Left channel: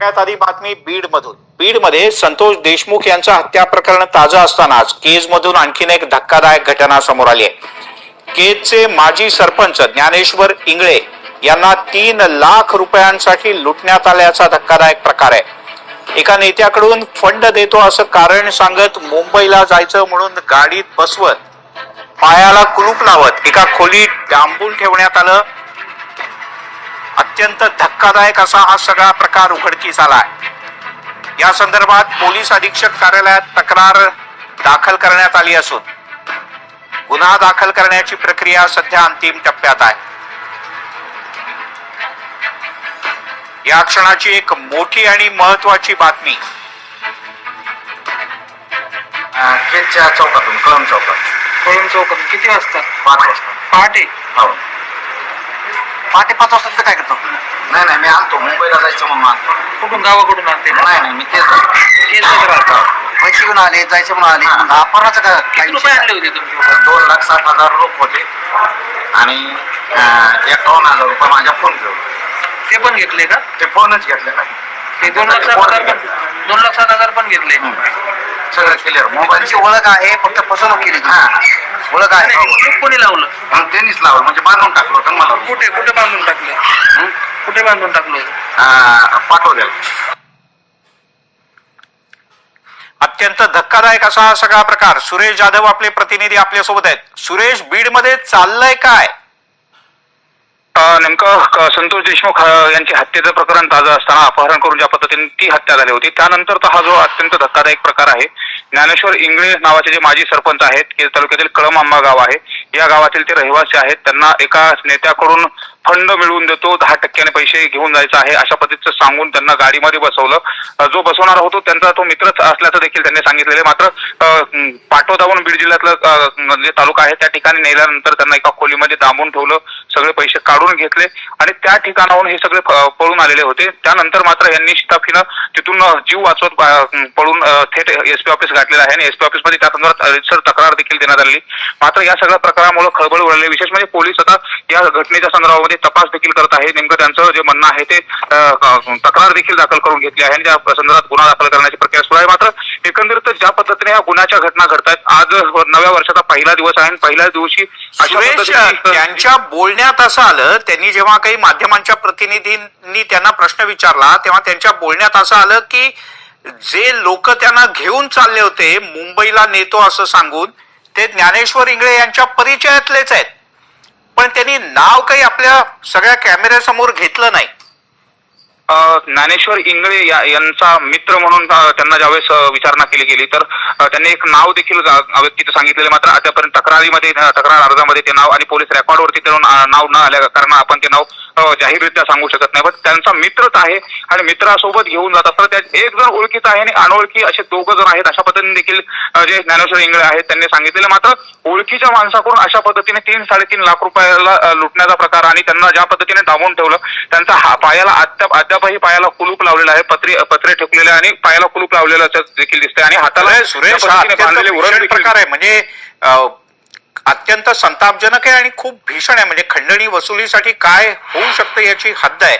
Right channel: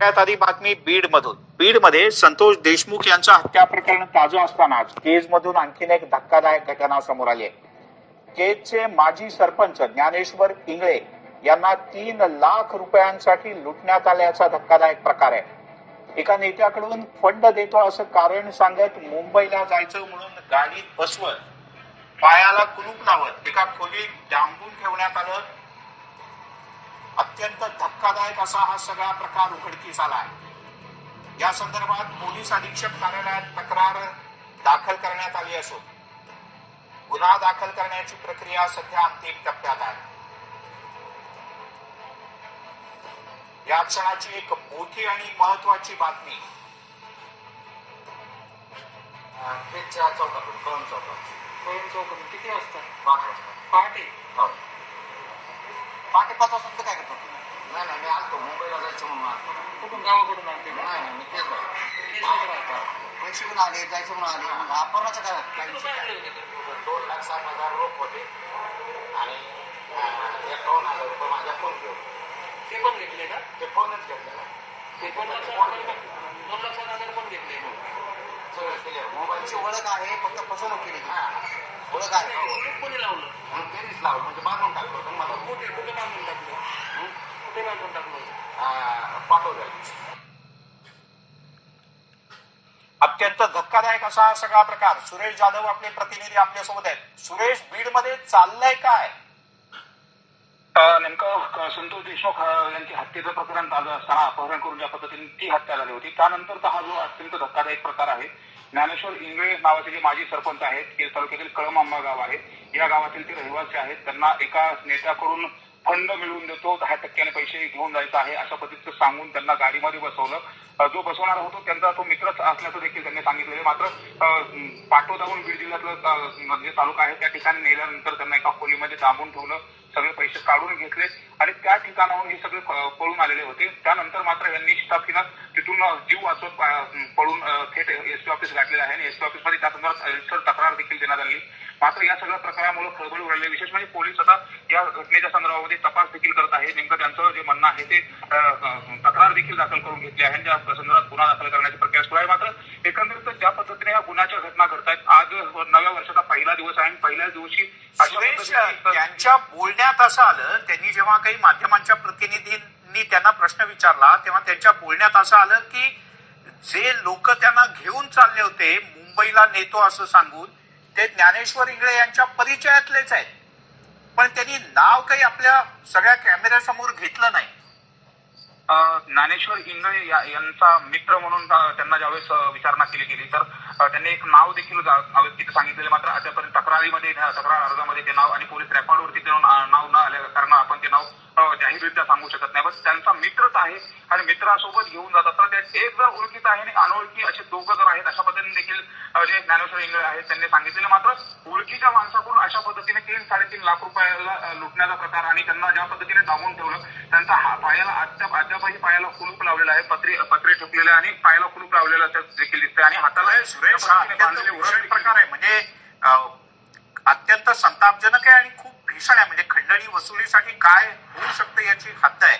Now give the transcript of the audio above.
सगळ्यात आधी बातमी बीडमधून. बीडमध्ये संतोष देशमुख यांचं हत्या प्रकरण ताजं असतानाच केजमधून आणखीन एक धक्कादायक घटना समोर आली आहे. केजचे माजी सरपंच ज्ञानेश्वर इंगळे यांना 3 लाख रुपयांसाठी लुटण्यात आल्याचा धक्कादायक प्रकार आहे. एका नेत्याकडून फंड देतो असं कारण सांगत मुंबईला जायचं म्हणून गाडीत बसवत पायाला कुलूप लावत एका खोलीत डांबून ठेवण्यात आलं. अत्यंत धक्कादायक असा हा सगळा प्रकार उघडकीस आला आहे. या संदर्भात पोलीस अधीक्षक कार्यालयात तक्रार दाखल करण्यात आली असून गुन्हा दाखल करण्याची प्रक्रिया सध्या अंतिम टप्प्यात आहे. या क्षणाची एक मोठी आणि महत्वाची बातमी. केजच्या चौकातून कळम चौकातून किती वाजता? 5 वाजता पहाटे. हो. पहाटे 5 वाजता काय करतो? नाही मी आलतो मुंबईला जायचं म्हणून आलतो. कुठून गावाकडून आणते? नाही मी तेच झालो. पैसे घेऊन आले, जायचं म्हणून आले. मग अपहरणाचं काय? किती रुपये आणले होते तुमचे? 2,60,000 रोख होते आणि 51,000 रुपये माझ्या फोन पे. ते पण घेतले का? ते फोनच घेतले नाही. ते 2,60,000 पण घेतले. सगळं क्लिअर. मोबाईलची ओळख आहे, फक्त फसवणूक केली. ओळख आहे. कोणी लावलं? त्यांनीच लावलं, म्हणजे बांधून टाकलं होतं मला. कुठे बांधून टाकलं? कुठे बांधून टाकलं? पाठवलेलं. अत्यंत धक्कादायक असा हा सगळा प्रकार. सुरेश जाधव आपले प्रतिनिधी आपल्यासोबत आहेत. सुरेश, बीडमध्ये चाललंय काय? नेमकं संतोष देशमुख यांची हत्येचं प्रकरण ताजं असताना अपहरण करून ज्या पद्धतीने ती हत्या झाली होती, त्यानंतर हा जो अत्यंत धक्कादायक प्रकार आहे, ज्ञानेश्वर इंगळे नावाचे जे माजी सरपंच आहेत, केज तालुक्यातील कळम आंबा गाव आहे, या गावातील ते रहिवासी आहेत. त्यांना एका नेत्याकडून फंड मिळवून देतो, 10% पैसे घेऊन जायचं आहे अशा पद्धतीचं सांगून त्यांना गाडीमध्ये बसवलं. जो बसवणार होतो त्यांचा तो मित्रच असल्याचं देखील त्यांनी सांगितलेले. मात्र पाटोदावून बीड जिल्ह्यातलं जे तालुका आहे त्या ठिकाणी नेल्यानंतर त्यांना एका खोलीमध्ये डांबून ठेवलं, सगळे पैसे काढून घेतले आणि त्या ठिकाणाहून हे सगळे पळून आलेले होते. त्यानंतर मात्र यांनी शिताफीनं तिथून जीव वाचवत पळून थेट एसपी ऑफिस गाठलेलं आहे आणि एसपी ऑफिसमध्ये त्या संदर्भात रीतसर तक्रार देखील देण्यात आली. मात्र या सगळ्या प्रकारामुळे खळबळ उडाली. विशेष म्हणजे पोलीस आता या घटनेच्या संदर्भामध्ये तपास देखील करत आहे. नेमकं त्यांचं जे म्हणणं आहे ते तक्रार देखील दाखल करून घेतली आहे आणि त्या संदर्भात गुन्हा दाखल करण्याची प्रक्रिया सुरू आहे. मात्र एकंदरीत ज्या पद्धतीने या गुन्ह्याच्या घटना घडतायत, आज नव्या वर्षाचा पहिला दिवस आहे आणि पहिल्याच दिवशी त्यांच्या बोलण्यात असं आलं, त्यांनी जेव्हा काही माध्यमांच्या प्रतिनिधींनी त्यांना प्रश्न विचारला तेव्हा त्यांच्या बोलण्यात असं आलं की जे लोक त्यांना घेऊन चालले होते मुंबईला नेतो असं सांगून, ते ज्ञानेश्वर इंगळे यांच्या परिचयातलेच आहेत, पण त्यांनी नाव काही आपल्या सगळ्या कॅमेऱ्यासमोर घेतलं नाही. ज्ञानेश्वर इंगळे यांचा मित्र म्हणून त्यांना ज्यावेळेस विचारणा केली गेली तर त्यांनी एक नाव देखील व्यक्तीचं सांगितलेलं. मात्र आतापर्यंत तक्रार अर्जामध्ये ते नाव आणि पोलीस रेकॉर्डवरती ते नाव न आल्या कारण आपण ते नाव जाहीररित्या सांगू शकत नाही. पण त्यांचा मित्रच आहे आणि मित्रासोबत घेऊन जात असतात. त्यात एक जण ओळखीचा आहे आणि अनोळखी असे 2 जण आहेत अशा पद्धतीने देखील जे ज्ञानेश्वर इंगळे आहेत त्यांनी सांगितलेलं. मात्र ओळखीच्या माणसाकडून अशा पद्धतीने 3-3.5 लाख रुपयाला लुटण्याचा प्रकार आणि त्यांना ज्या पद्धतीने डांबून ठेवलं, त्यांचा पायाला अद्यापही पायाला कुलूप लावलेला आहे, पत्रे ठोकलेले आणि पायाला कुलूप लावलेलं देखील दिसतंय आणि हाताला सुरेश प्रकार आहे. म्हणजे अत्यंत संतापजनक आहे आणि खूप भीषण आहे. म्हणजे खंडणी वसुलीसाठी काय होऊ शकतं याची हद्द आहे.